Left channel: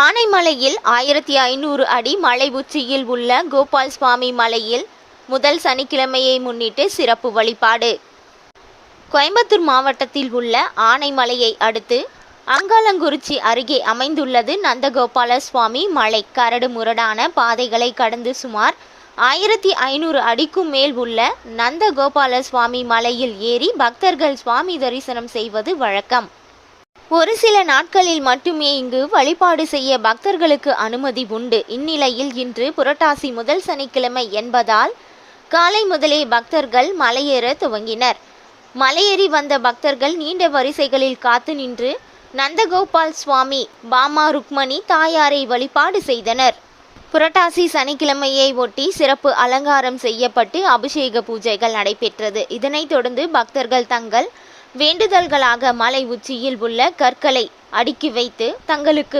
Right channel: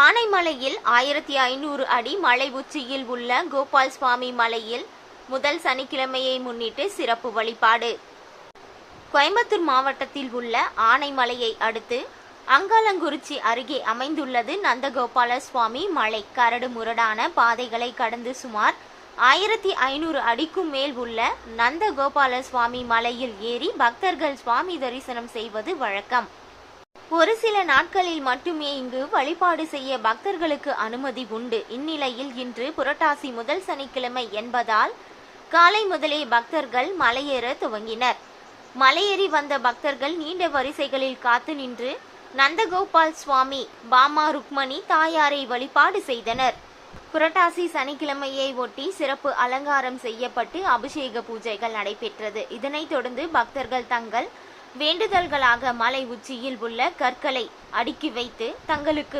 ஆனைமலையில் 1500 அடி மலை உச்சியில் உள்ள கோபால் சுவாமி மலையில் முதல் சனிக்கிழமையை முன்னிட்டு சிறப்பு வழிபாடு. கோயம்புத்தூர் மாவட்டத்தில் உள்ள ஆனைமலையை அடுத்து அங்காளங்குறிச்சி அருகே அமைந்துள்ளது நந்தகோபால சுவாமி மலை. கரடு முரடான பாதைகளை கடந்து சுமார் 1500 அடிக்கும் மேல் உள்ள நந்தகோபால சுவாமி மலையில் ஏறி பக்தர்கள் சுவாமி தரிசனம் செய்வது வழக்கம். ஒரு சில நாட்களில் மட்டுமே இங்கு வழிபாடு செய்ய பக்தர்களுக்கு அனுமதி உண்டு. இந்நிலையில் இன்று புரட்டாசி முதல் சனிக்கிழமை என்பதால் காலை முதலே பக்தர்கள் மலையேற துவங்கினர். மலையேறி வந்த பக்தர்கள் நீண்ட வரிசைகளில் காத்து நின்று நந்தகோபால் சுவாமி, பாமா ருக்மணி தாயாரை வழிபாடு செய்தனர். புரட்டாசி சனிக்கிழமையை ஒட்டி சிறப்பு அலங்காரம் செய்யப்பட்டு அபிஷேக பூஜைகள் நடைபெற்றது. இதனைத் தொடர்ந்து பக்தர்கள் தங்கள் வேண்டுதல்களாக மலை உச்சியில் உள்ள கற்களை அடுக்கி வைத்து தங்களுக்கு